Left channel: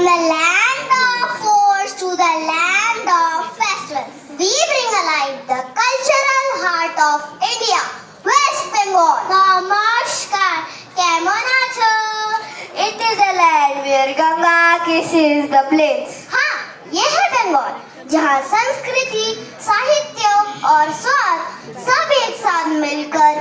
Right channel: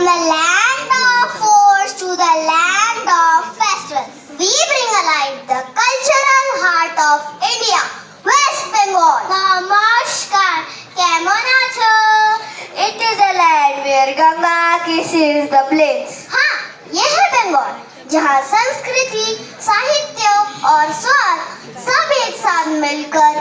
the land of forts to the land of festivals, we bring alive the cultural heart of India, West Bengal. Namaskar, kemon acho? It is a land where Ganga kisses the plains. हाँ, ये है बंगाल, जहाँ संस्कृति, साहित्य और स्वाद सब एक साथ मिलकर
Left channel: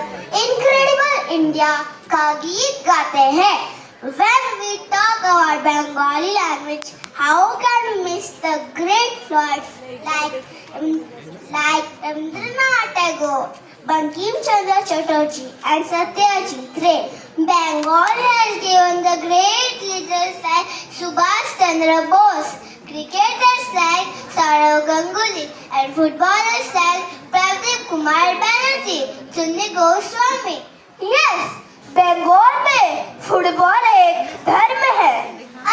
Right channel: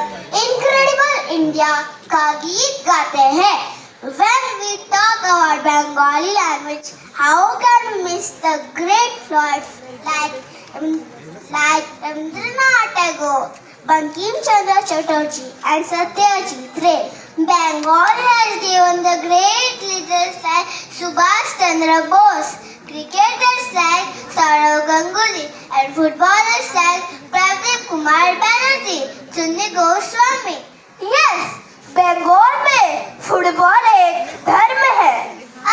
इनक्रेडिबल इंडिया का गीत गाते हैं. When we talk about Bengali language, how can we miss the great poets like Rabindranath Tagore, Bankim Chandra Chatterjee and Satyajit Ray? Bengal has given the great leaders like Subhash Chandra Bose, cricketers like Saurav Ganguly and footballers like Pradeep Kumar Banerjee, Sunny Goswami. Yes, Bengal में football एक धर्म है.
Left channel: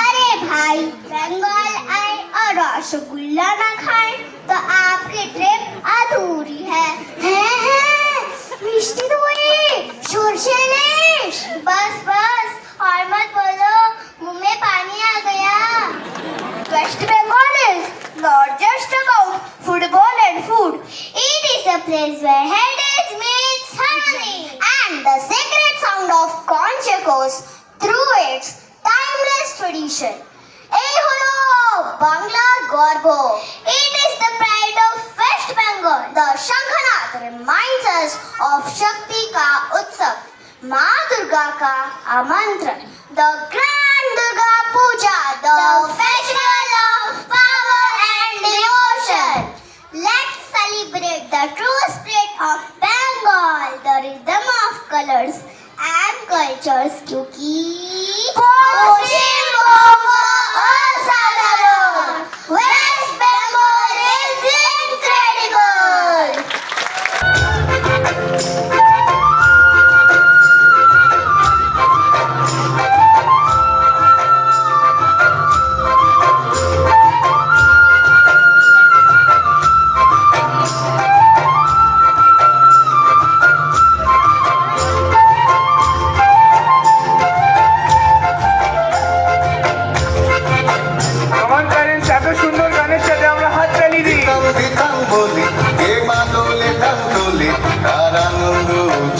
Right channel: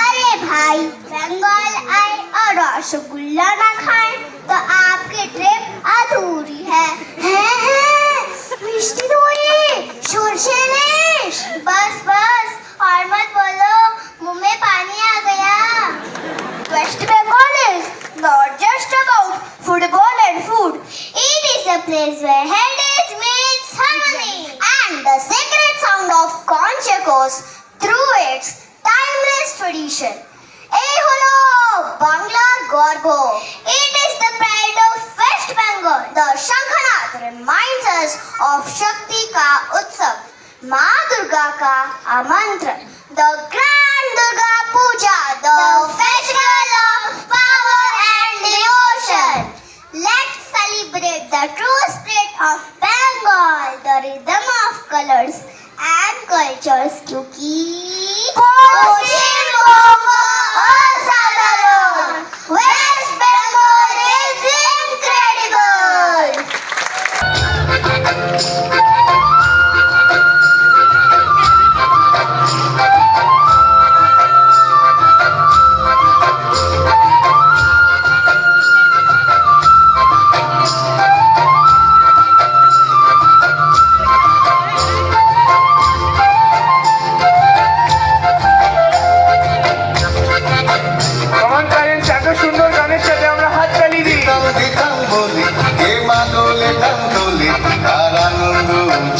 अरे भाई, बंगाल आए और रसगुल्ला ना खाएं तो आपकी ट्रिप अधूरी है. मिष्टी दोई, सॉर्से इलिश. बस और मत बोलो, मुंह में पानी आ गया. West Bengal is not just about football and food. It is a place where heritage meets harmony and the sacred sound of conch echoes through its timeless tradition. এই হলো বাংলার গর্ব. It is the pride of West Bengal. The Shankanath reminds us of Shakti का उत्सव, माँ दुर्गा का आमंत्रण. The Grand Durga Puja, the festival of power and devotion. Let's celebrate the true spirit of Bengal, the rhythm of colors and cultures. क्योंकि পশ্চিমবঙ্গ অসাধারণ. West Bengal is incredible. আমার parents এত সুন্দর গানের সাথে আমরা হাত তালি দিই. বলি কে মাদলে কান্দলে তার আনন্দ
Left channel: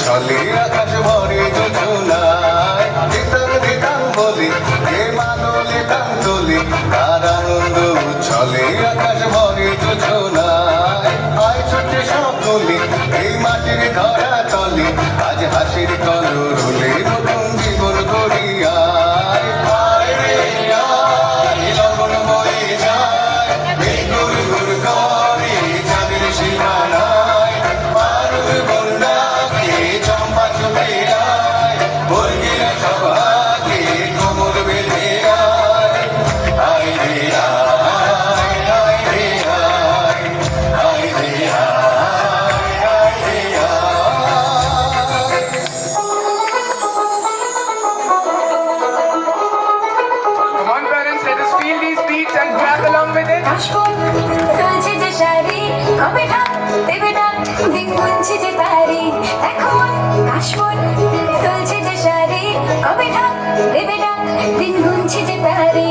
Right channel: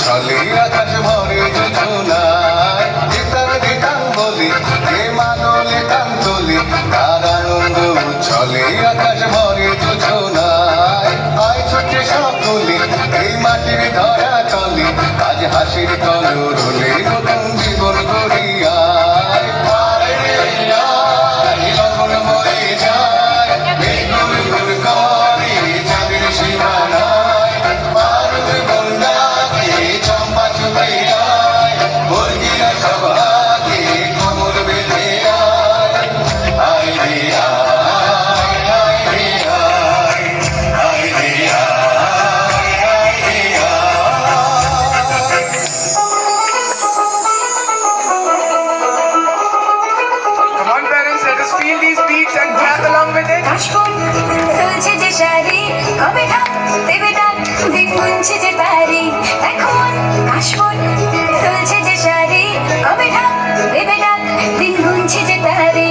ছলে আকাশ ভরে যোজনায়. গীতার গীতাম বলি কে মাদলে কান্দলে তার আনন্দ ছলে আকাশ ভরে যোজনায়. আয় ছোটে সকলে এই মাটির ধরা তলে আজ হাসির কলরলে নতুন জীবন গড়িয়ায়. আয় রে আয় লগন বয়ে যায় বেগুন গুণ করে চাঁদের সীমানায়. মারুর বন্যাকে চম্পা চলে যায় বর্গিরা সভাকে খবর বেঁধে আয়. আয় রে আয় আয় রে আয় আয় রে আয় আয় রে আয়. Come on parents, let us feel these beats and clap along with it. কাশফুল তুলছে যে শাড়ি, কবে ঢাক দেবে ডাক, দিন গুনছে যে তারি. এখন কাশফুল তুলছে যে শাড়ি, কবে ঢাক দেবে ডাক, দিন গুনছে যে তারি.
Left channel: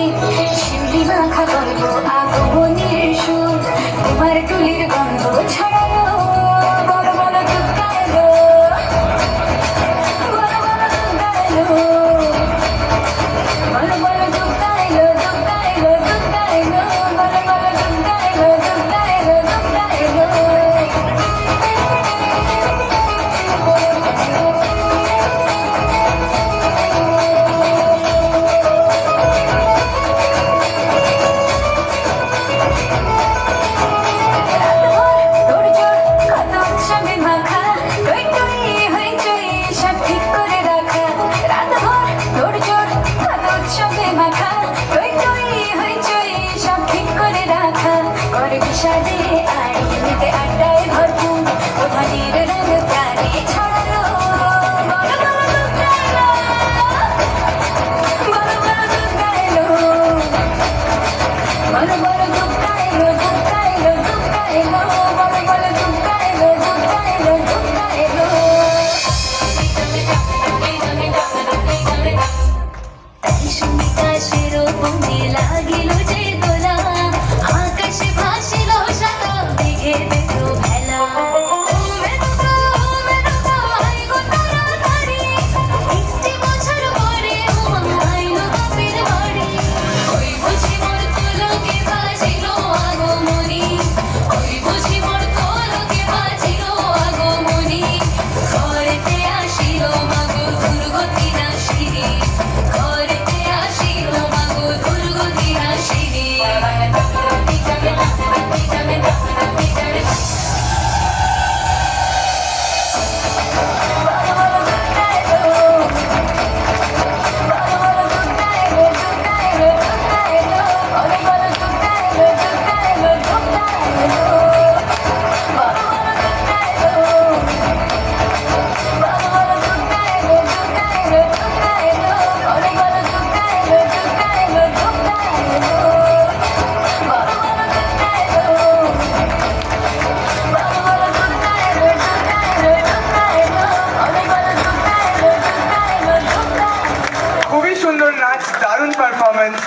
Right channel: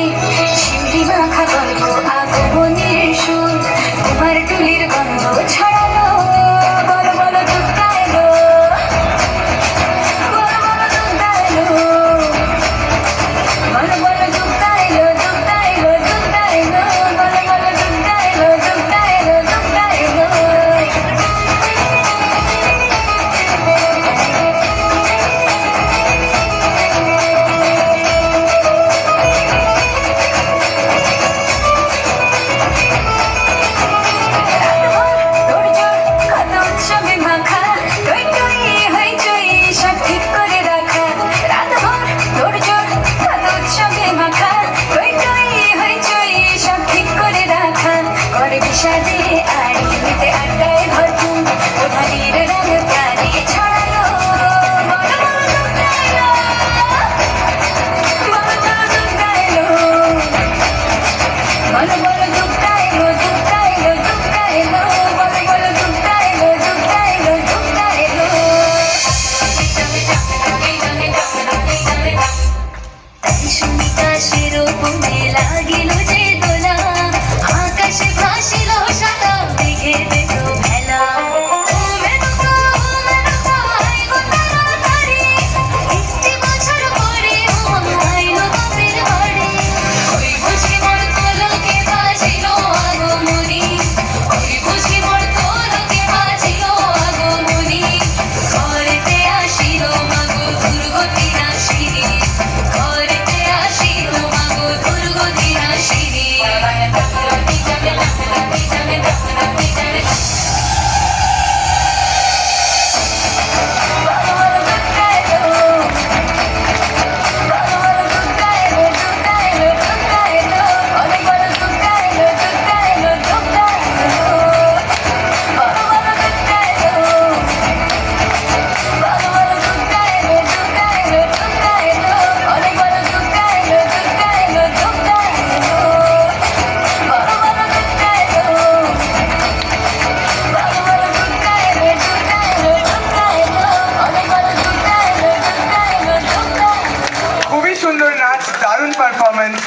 শিউলি মাখা গল্প আগমনের সুর, তোমার তুলির গন্ধ ছড়ালো. বড় বড় দুর্গা এলো, বড় বড় দুর্গা এলো, বড় বড় দুর্গা এলো, দুর্গা এলো, দুর্গা এলো, বড় বড় দুর্গা এলো, দুর্গা এলো, দুর্গা এলো. performance.